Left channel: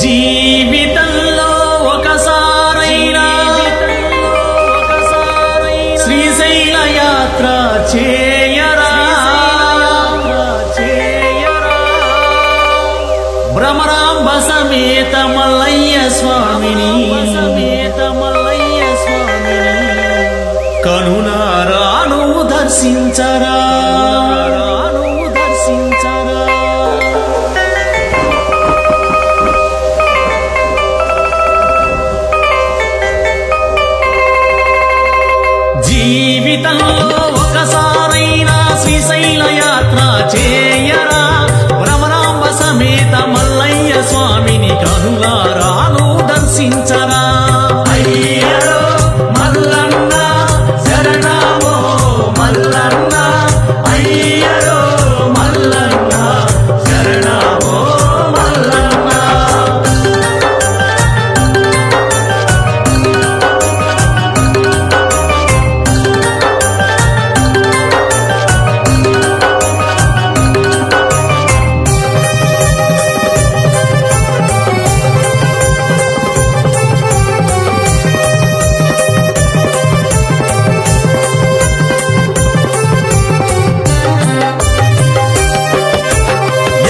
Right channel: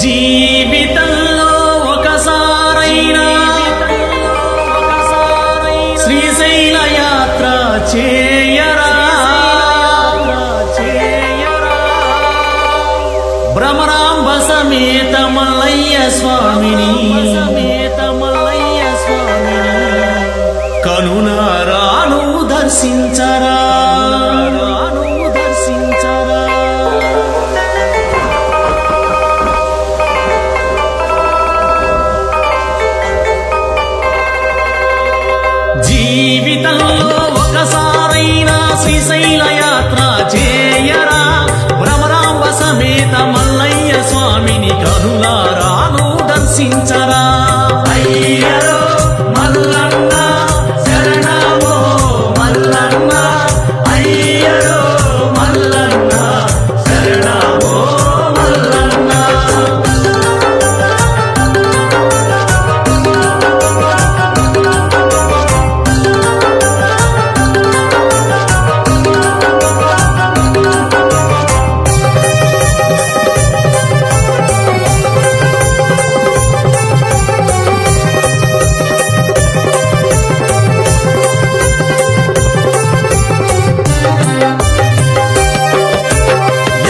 జీవితంలో ఒకసారైనా శ్రీశైల యాత్ర చేయరా భ్రమరాంబ సమేత మల్లయ్య స్వామిని కనులారాను దర్శించరా జీవితంలో ఒకసారైనా శ్రీశైల యాత్ర చేయరా భ్రమరాంబ సమేత మల్లయ్య స్వామిని కనులారాను దర్శించరా అయ్యరో మల్లన్న శరణమో మల్లన్న అయ్యరో మల్లన్న శరణమో మల్లన్న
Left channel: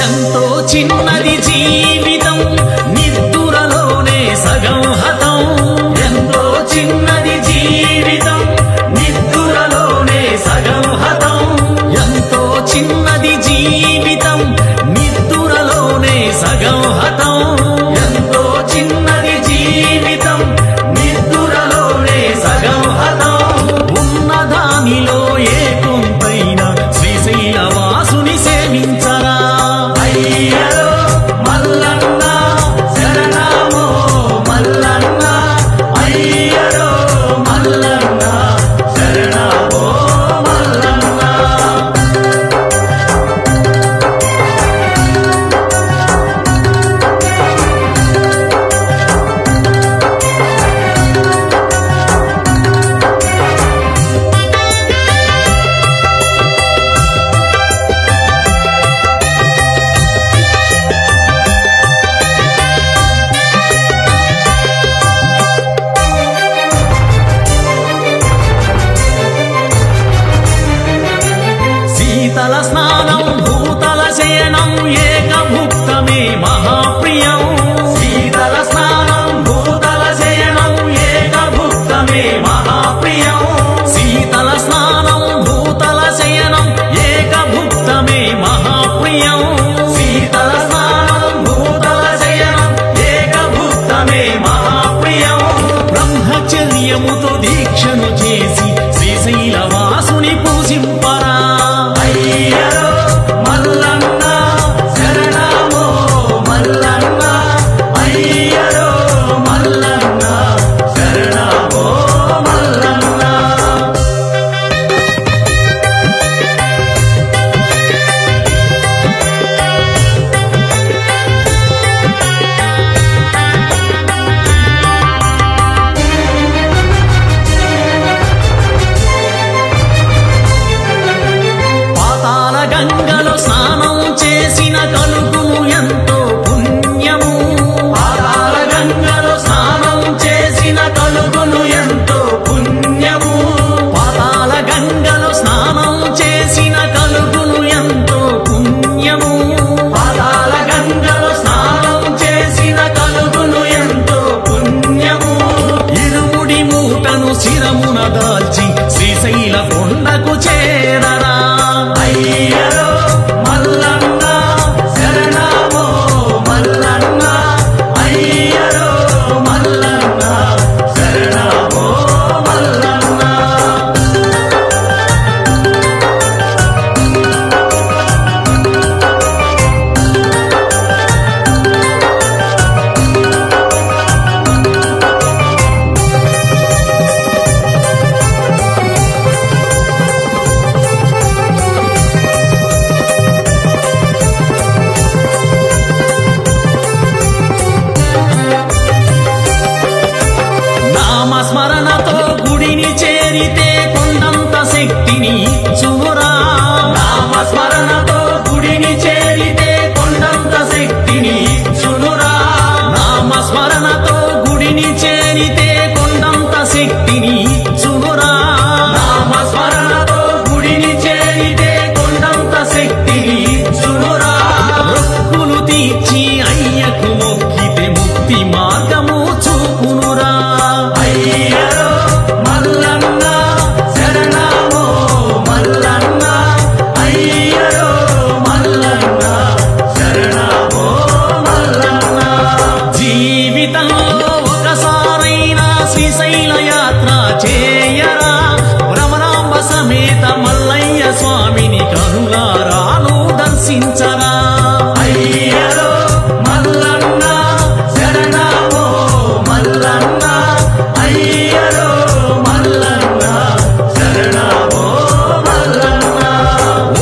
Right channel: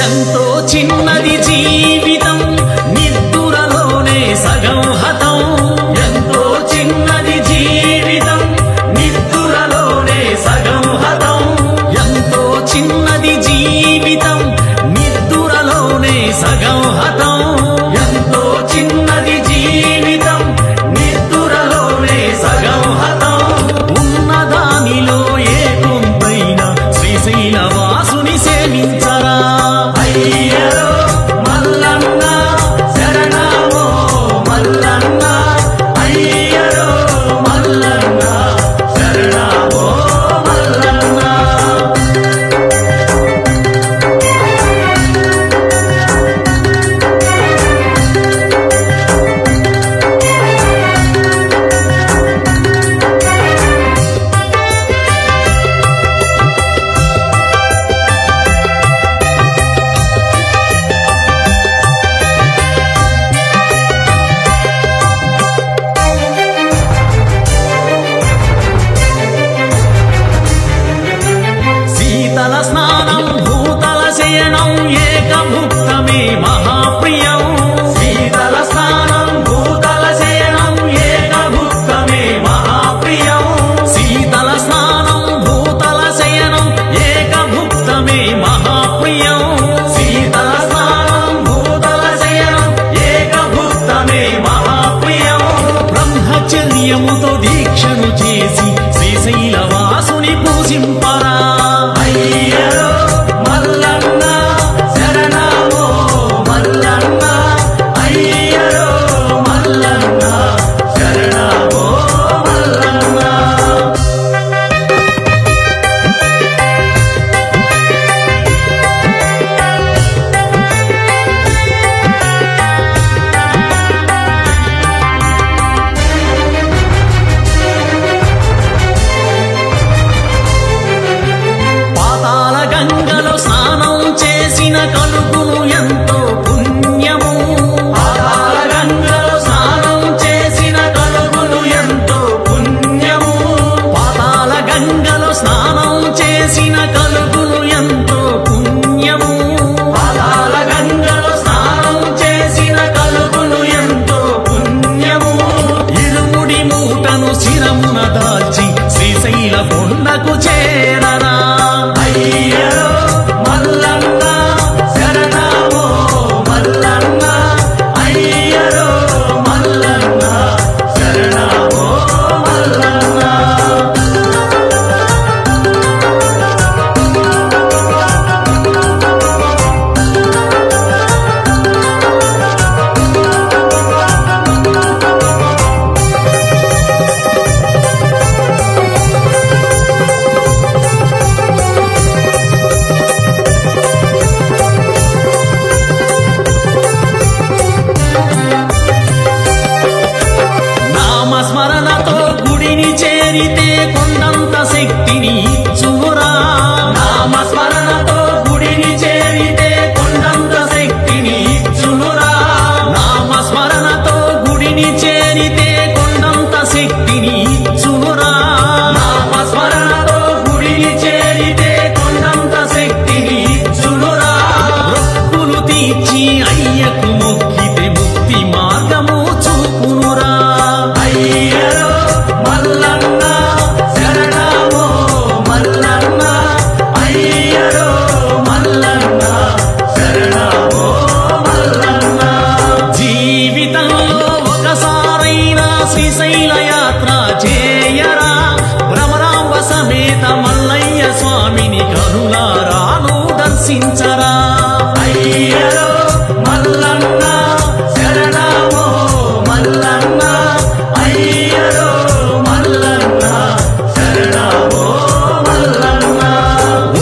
ఎంతో చిన్నది జీవితం నిద్దురలోనే సగం హతం ఎంతో చిన్నది జీవితం నిద్దురలోనే సగం హతం ఎంతో చిన్నది జీవితం నిద్దురలోనే సగం హతం ఎంతో చిన్నది జీవితం నిద్దురలోనే సగం హతం ఉన్నదానిలో ఏ కొంతైనా శ్రీశైల వాసుని సేవించరా అయ్యరో మల్లన్న శరణమో మల్లన్న అయ్యరో మల్లన్న శరణమో మల్లన్న శీతల స్నానం భూతల శయనం ఏకభుక్తమే మహాప్రియం శీతల స్నానం భూతల శయనం ఏకభుక్తమే మహాప్రియం శీతల స్నానం భూతల శయనం ఏకభుక్తమే మహాప్రియం శీతల స్నానం భూతల శయనం ఏకభుక్తమే మహాప్రియం బ్రహ్మచర్యముతో దీక్షను చేసి శ్రీశైల వాసుని పూజింపరా అయ్యరో మల్లన్న శరణమో మల్లన్న అయ్యరో మల్లన్న శరణమో మల్లన్న పాతాళ గంగలో స్నానం చేసిన కలుగును ఎంతో పుణ్యము పాతాళ గంగలో స్నానం చేసిన కలుగును ఎంతో పుణ్యము పాతాళ గంగలో స్నానం చేసిన కలుగును ఎంతో పుణ్యము పాతాళ గంగలో స్నానం చేసిన కలుగును ఎంతో పుణ్యము ఇరుముడి మూటను శిరమున దాల్చి శ్రీశైల కొండకు చేరరా అయ్యరో మల్లన్న శరణమో మల్లన్న అయ్యరో మల్లన్న శరణమో మల్లన్న నామస్మరణతో గుడిని చేరితే కొండంత శక్తిని ఇచ్చునురా నామస్మరణతో గుడిని చేరితే కొండంత శక్తిని ఇచ్చునురా మొక్కులు తీర్చి అయ్యకు మొక్కితే ముక్తి మార్గము చూపునురా అయ్యరో మల్లన్న శరణమో మల్లన్న అయ్యరో మల్లన్న శరణమో మల్లన్న జీవితంలో ఒకసారైనా శ్రీశైల యాత్ర చేయరా భ్రమరాంబ సమేత మల్లయ్య స్వామిని కనులారాను దర్శించరా అయ్యరో మల్లన్న శరణమో మల్లన్న అయ్యరో మల్లన్న శరణమో మల్లన్న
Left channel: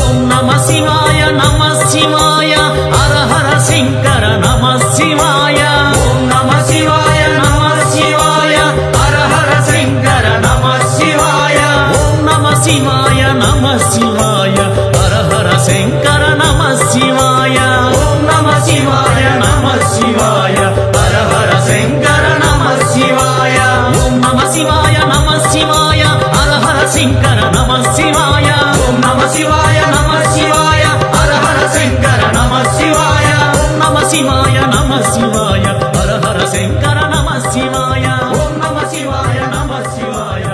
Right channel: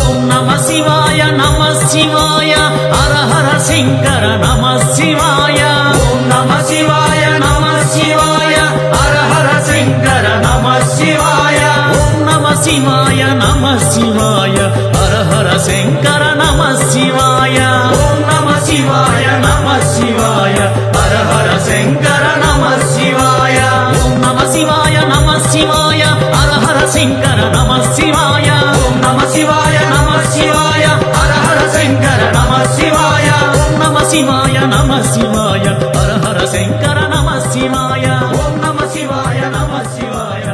ఓం నమ శివాయ నమ శివాయ హర హర శంకర నమ శివాయ ఓం నమ శివాయ నమ శివాయ హర హర శంకర నమ శివాయ ఓం నమ శివాయ నమ శివాయ హర హర శంకర నమ శివాయ ఓం నమ శివాయ నమ శివాయ హర హర శంకర నమ శివాయ ఓం నమ శివాయ నమ శివాయ హర హర శంకర నమ శివాయ ఓం నమ శివాయ నమ శివాయ హర హర శంకర నమ శివాయ ఓం నమ శివాయ నమ శివాయ హర హర శంకర నమ శివాయ ఓం నమ శివాయ నమ శివాయ